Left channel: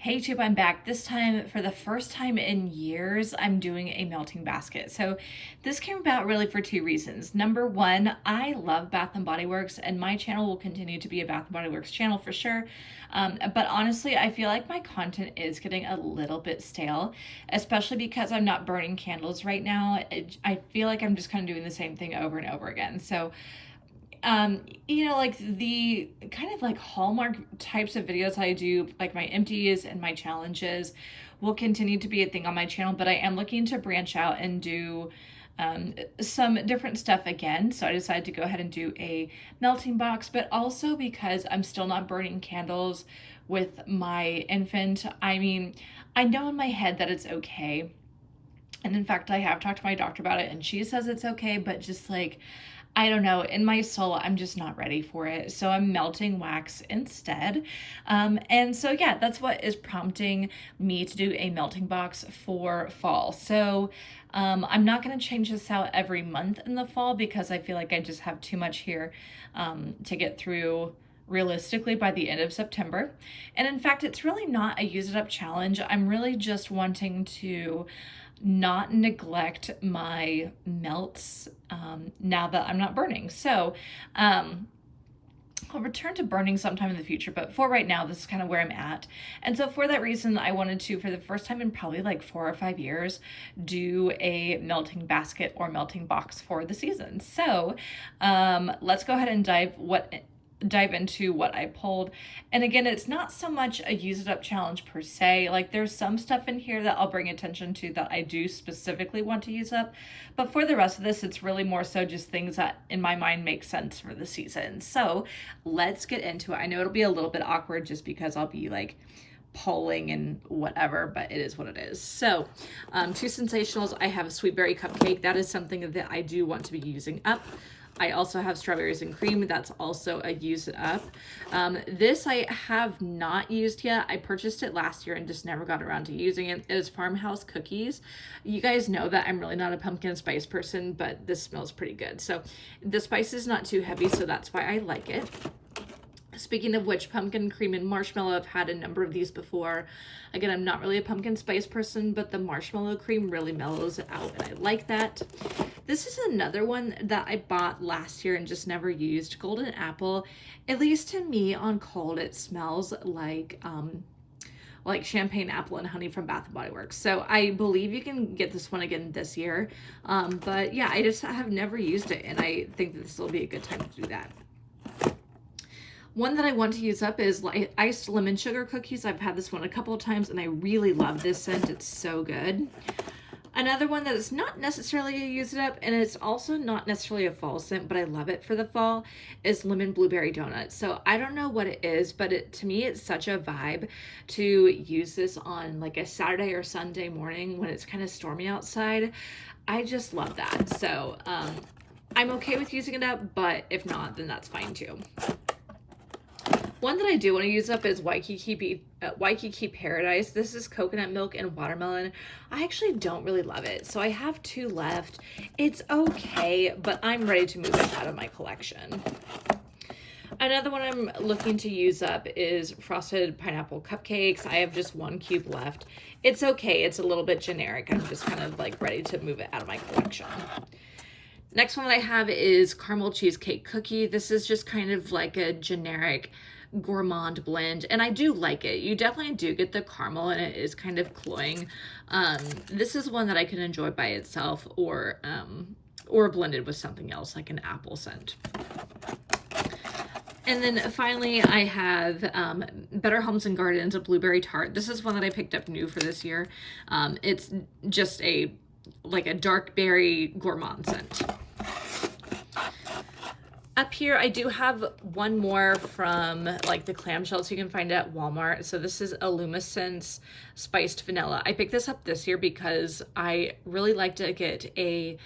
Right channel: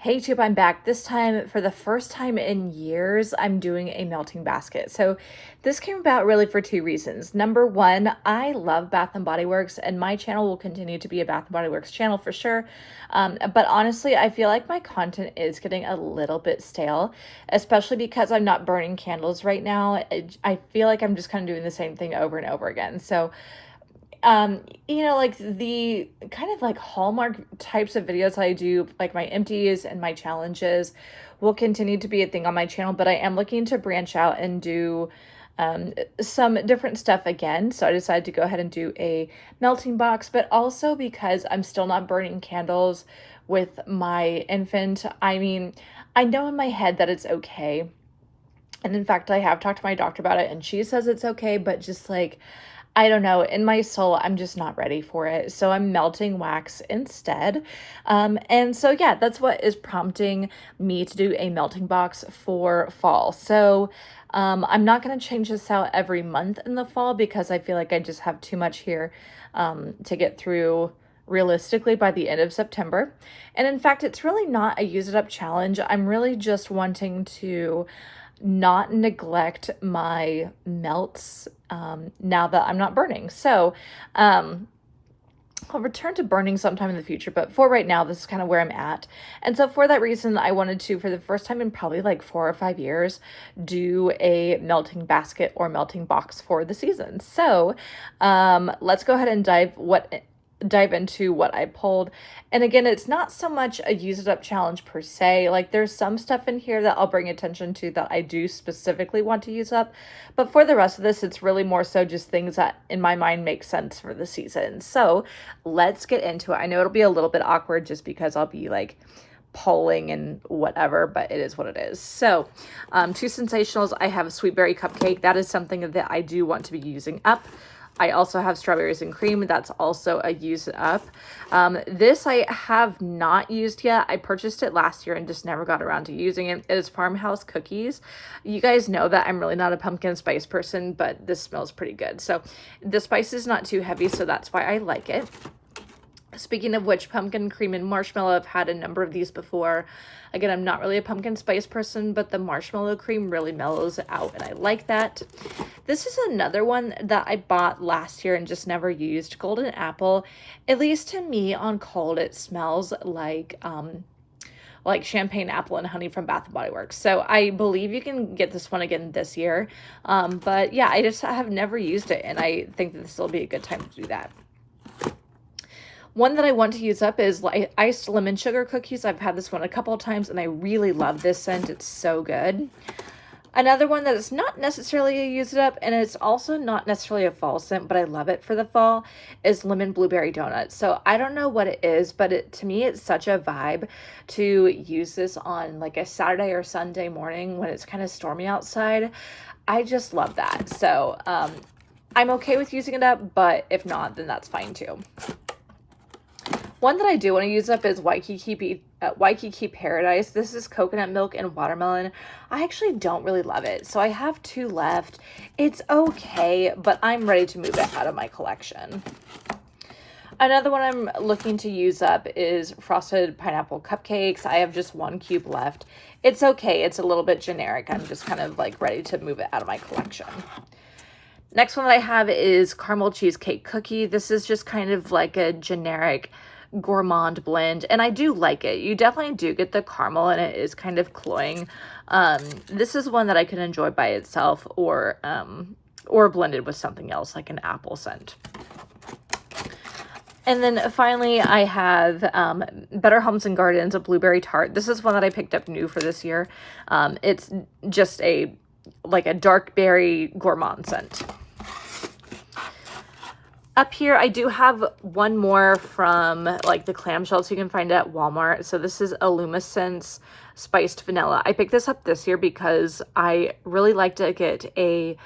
Hey Tube, I'm back. This time, for the first time in years, I'm doing a melting basket. So this came about really for two reasons. Number one, I love Bath and Body Works, and my channel will continue to be a Bath and Body Works channel for sure. But honestly, I feel like my content is getting a little bit stale, especially because I'm not burning candles right now. I feel like I'm just kind of doing the same thing over and over again. So like the kind of like hallmark types of videos I do, like my empties and my challenges, will continue to be a thing on my channel, but I am looking to branch out and do some different stuff again. So I decided to go ahead and do a melting box, but also because I'm still not burning candles with my infant. I mean, I know in my head that it's okay. And in fact, I have talked to my doctor about it and she says it's okay, but just like, I don't know, in my soul, I'm just not ready for it. So I'm melting wax instead. And so, yeah, that's what is prompting me to do a melting box for fall. So I'm not going to change this out every month in the fall because I feel like I just have too much here to get through realistically by the end of September. And in fact, it's really not a use it up challenge. I'm really just wanting to not neglect my melts now that I'm not burning. So I'll return to burning sometime in the future, but for right now, this is kind of where I'm at. And so for that reason, I wanted to, for the first time in probably like 4 or 5 years, do a melting basket or melting box for the season. So let's go ahead and dive into what I pulled. And again, it's not so much a use it up challenge per se. Like there's some stuff in here that I'll bring attention to that I do specifically want to use up. But for the rest of this, it's really more so just things that in my mind make sense for the season. So let's get into it. I know it'll be a little bit awkward just because I'll be like polling and whatever, but it is what it is. So two sensationals. I have a sweet berry cupcake. That is something that I do want to be using up. I also have strawberries and cream. That's also a use it up. This I have not used yet. I purchased it last year and just never got around to using it. It is Farmhouse Cookies. You guys know that I'm really not a pumpkin spice person, but this smells pretty good. So the spice is not too heavy, so that's why I like it. Speaking of which, pumpkin cream and marshmallow, I've had a number of these before. Again, I'm not really a pumpkin spice person, but the marshmallow cream really mellows it out, and I like that. This is another one that I bought last year and just never used. Golden Apple. At least to me, on cold, it smells like champagne apple and honey from Bath & Body Works. So I believe you can get this one again this year. But yeah, I just have never used it, and I think that this will be a good time to do that. One that I want to use up is like iced lemon sugar cookies. I've had this one a couple of times and I really love this scent. It's so good. Another one that is not necessarily a use it up and it's also not necessarily a fall scent, but I love it for the fall, is lemon blueberry donuts. So I don't know what it is, but to me, it's such a vibe to use this on like a Saturday or Sunday morning when it's kind of stormy outside. I just love that. So I'm okay with using it up, but if not, then that's fine too. One that I do want to use up is Waikiki Paradise. This is coconut milk and watermelon. I actually don't really love it, so I have two left. It's okay, but I'm ready to move it out of my collection. Another one I'm looking to use up is frosted pineapple cupcakes. I have just one cube left. It's okay. It's a little bit generic. I'm just kind of like ready to move it out of my collection. Next one that I have is caramel cheesecake cookie. This is just kind of like a generic gourmand blend, and I do like it. You definitely do get the caramel, and it is kind of cloying. This is one that I can enjoy by itself or blended with something else like an apple scent. And then finally, I have Better Homes and Gardens, a blueberry tart. This is one that I picked up new for this year. It's just like a dark berry gourmand scent. Up here, I do have one more from like the clamshells you can find at Walmart. So this is Illumescence Spiced Vanilla. I picked this up this year because I really like to get a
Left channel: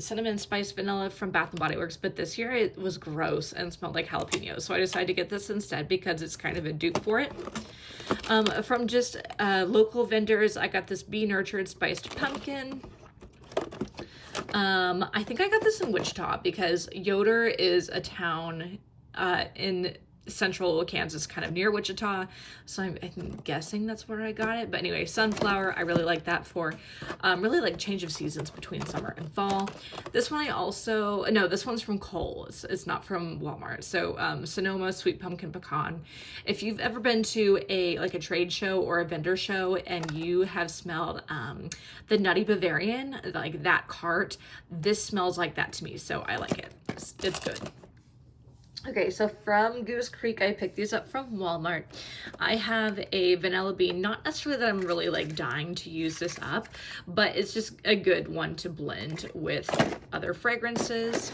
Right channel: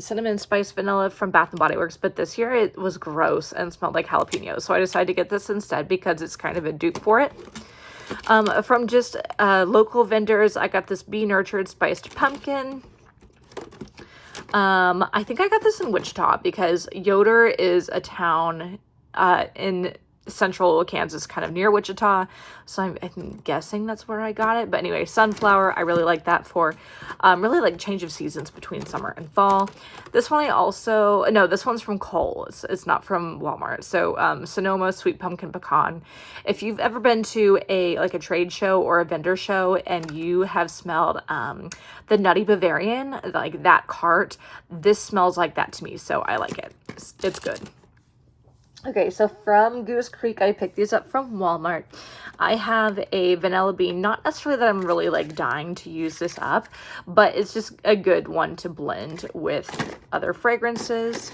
cinnamon spiced vanilla from Bath & Body Works, but this year it was gross and smelled like jalapeno. So I decided to get this instead because it's kind of a dupe for it. From just local vendors, I got this Be Nurtured Spiced Pumpkin. I think I got this in Wichita because Yoder is a town in central Kansas, kind of near Wichita. So I'm guessing that's where I got it. But anyway, sunflower, I really like that for really like change of seasons between summer and fall. This one this one's from Kohl's. It's not from Walmart. So Sonoma Sweet Pumpkin Pecan. If you've ever been to a trade show or a vendor show and you have smelled the Nutty Bavarian, like that cart, this smells like that to me. So I like it. It's good. Okay, so from Goose Creek, I picked these up from Walmart. I have a vanilla bean, not necessarily that I'm really like dying to use this up, but it's just a good one to blend with other fragrances.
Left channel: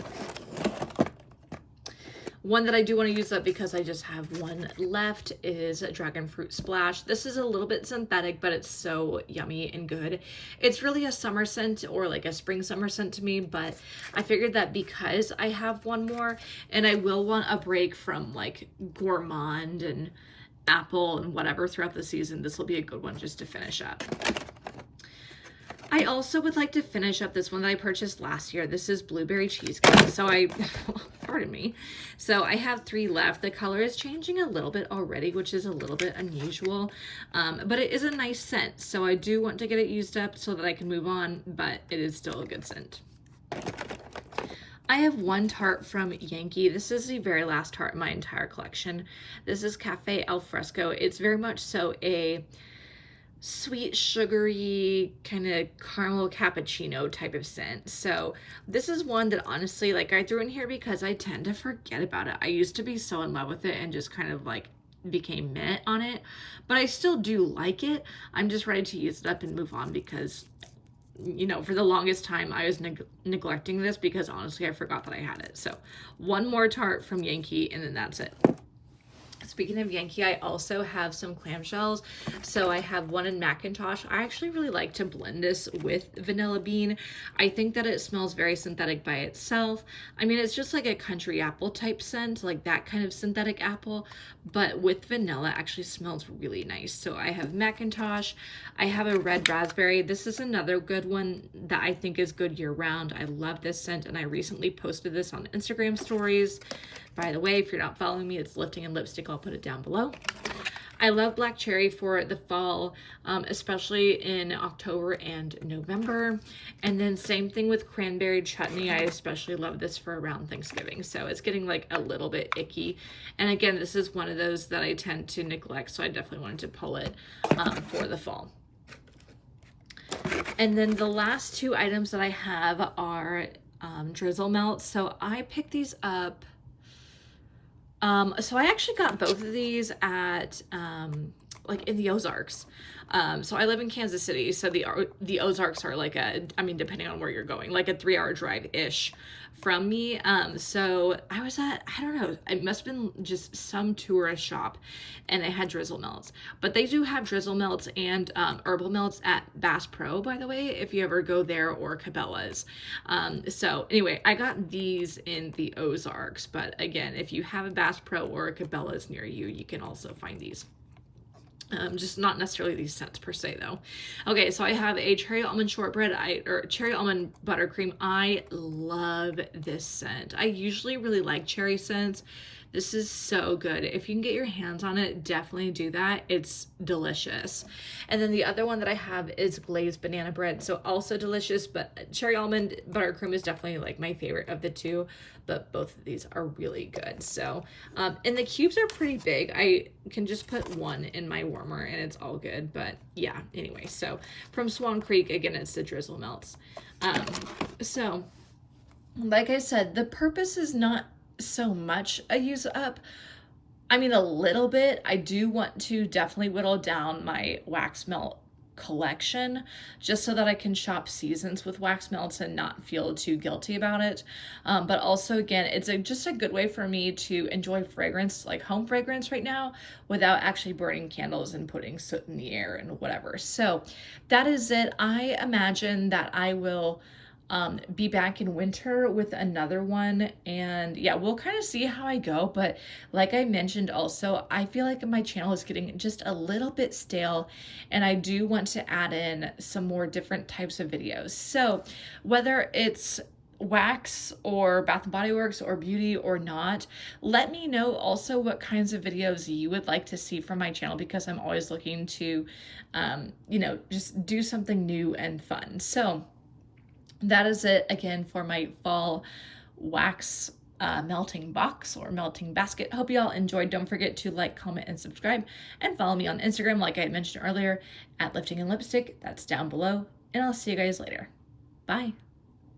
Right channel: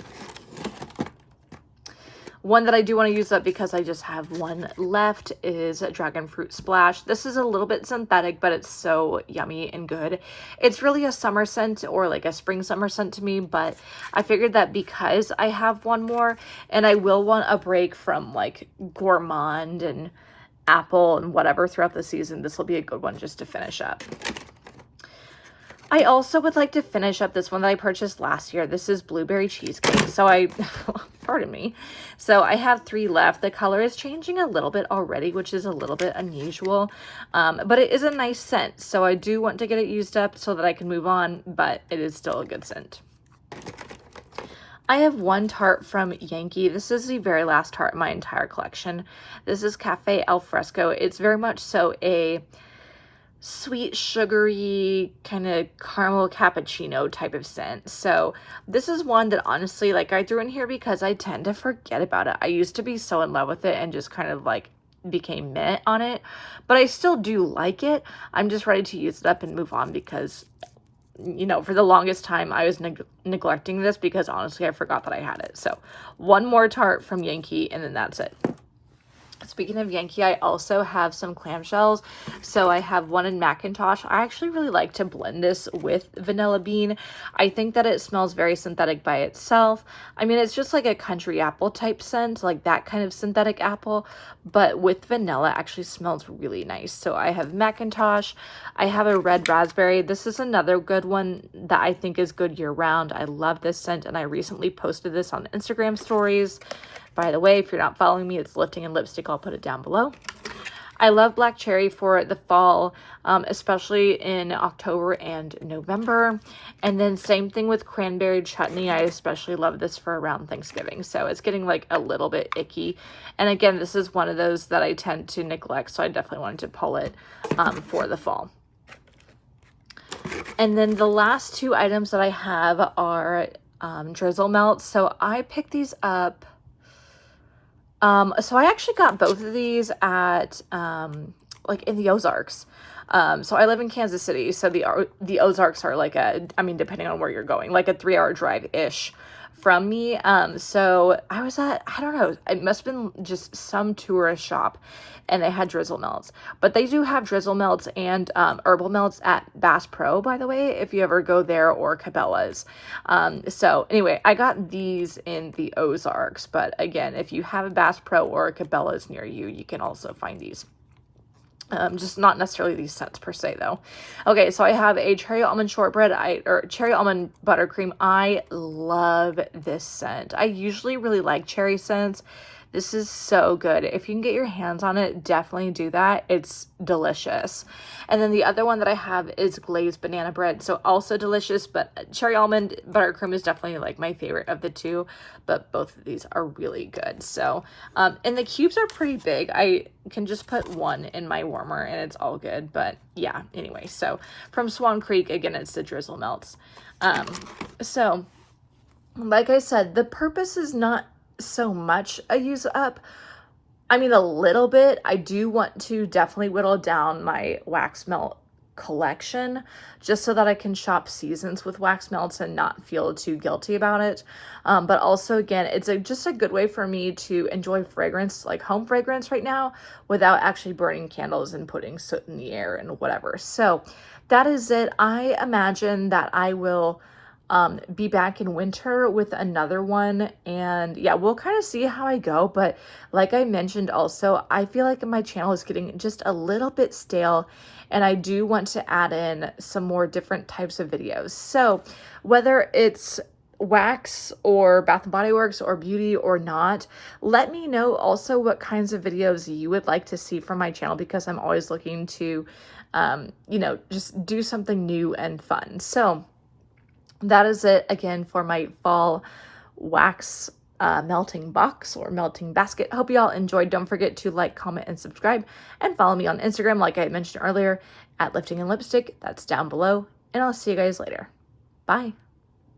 One that I do want to use up because I just have one left is Dragon Fruit Splash. This is a little bit synthetic, but it's so yummy and good. It's really a summer scent or like a spring summer scent to me, but I figured that because I have one more and I will want a break from like gourmand and apple and whatever throughout the season, this will be a good one just to finish up. I also would like to finish up this one that I purchased last year. This is Blueberry Cheesecake. So pardon me. So I have 3 left. The color is changing a little bit already, which is a little bit unusual. But it is a nice scent. So I do want to get it used up so that I can move on, but it is still a good scent. I have one tart from Yankee. This is the very last tart in my entire collection. This is Cafe Al Fresco. It's very much so a sweet, sugary, kind of caramel cappuccino type of scent. So this is one that honestly, like, I threw in here because I tend to forget about it. I used to be so in love with it and just kind of like became meh on it, but I still do like it. I'm just ready to use it up and move on because, you know, for the longest time I was neglecting this because honestly I forgot that I had it. So one more tart from Yankee and then that's it. Speaking of Yankee, I also have some clamshells. So I have one in Macintosh. I actually really like to blend this with vanilla bean. I think that it smells very synthetic by itself. I mean, it's just like a country apple type scent, like that kind of synthetic apple, but with vanilla actually smells really nice. So I have Macintosh. I have a red raspberry. This is another good one that I think is good year round. I love this scent and I recently posted this on Instagram stories. By the way, if you're not following me, it's Lifting and Lipstick. I'll put it down below. I love black cherry for the fall, especially in October and November. And then same thing with cranberry chutney. I especially love this for around Thanksgiving. So it's getting like a little bit icky. And again, this is one of those that I tend to neglect. So I definitely wanted to pull it for the fall. And then the last 2 items that I have are drizzle melts. So I picked these up. So I actually got both of these at, like in the Ozarks. So I live in Kansas City. So the Ozarks are like depending on where you're going, like a 3-hour drive-ish from me. So I was at, I don't know, it must have been just some tourist shop and they had drizzle melts, but they do have drizzle melts and herbal melts at Bass Pro, by the way, if you ever go there, or Cabela's. So anyway, I got these in the Ozarks, but again, if you have a Bass Pro or a Cabela's near you, you can also find these. Just not necessarily these scents per se though. Okay, so I have a cherry almond shortbread, or cherry almond buttercream. I love this scent. I usually really like cherry scents. This is so good. If you can get your hands on it, definitely do that. It's delicious. And then the other one that I have is glazed banana bread. So also delicious, but cherry almond buttercream is definitely like my favorite of the 2, but both of these are really good. So, and the cubes are pretty big. I can just put 1 in my warmer and it's all good. But yeah, anyway, so from Swan Creek, again, it's the drizzle melts. So like I said, the purpose is not so much a use up. I mean, a little bit. I do want to definitely whittle down my wax melt collection just so that I can shop seasons with wax melts and not feel too guilty about it. But also, again, it's just a good way for me to enjoy fragrance, like home fragrance right now, without actually burning candles and putting soot in the air and whatever. So that is it. I imagine that I will be back in winter with another one, and yeah, we'll kind of see how I go. But like I mentioned also, I feel like my channel is getting just a little bit stale and I do want to add in some more different types of videos. So whether it's wax or Bath and Body Works or beauty or not. Let me know also what kinds of videos you would like to see from my channel, because I'm always looking to, just do something new and fun. So that is it again for my fall wax melting box or melting basket. Hope you all enjoyed. Don't forget to like, comment, and subscribe, and follow me on Instagram, like I mentioned earlier, at Lifting and Lipstick. That's down below, and I'll see you guys later. Bye.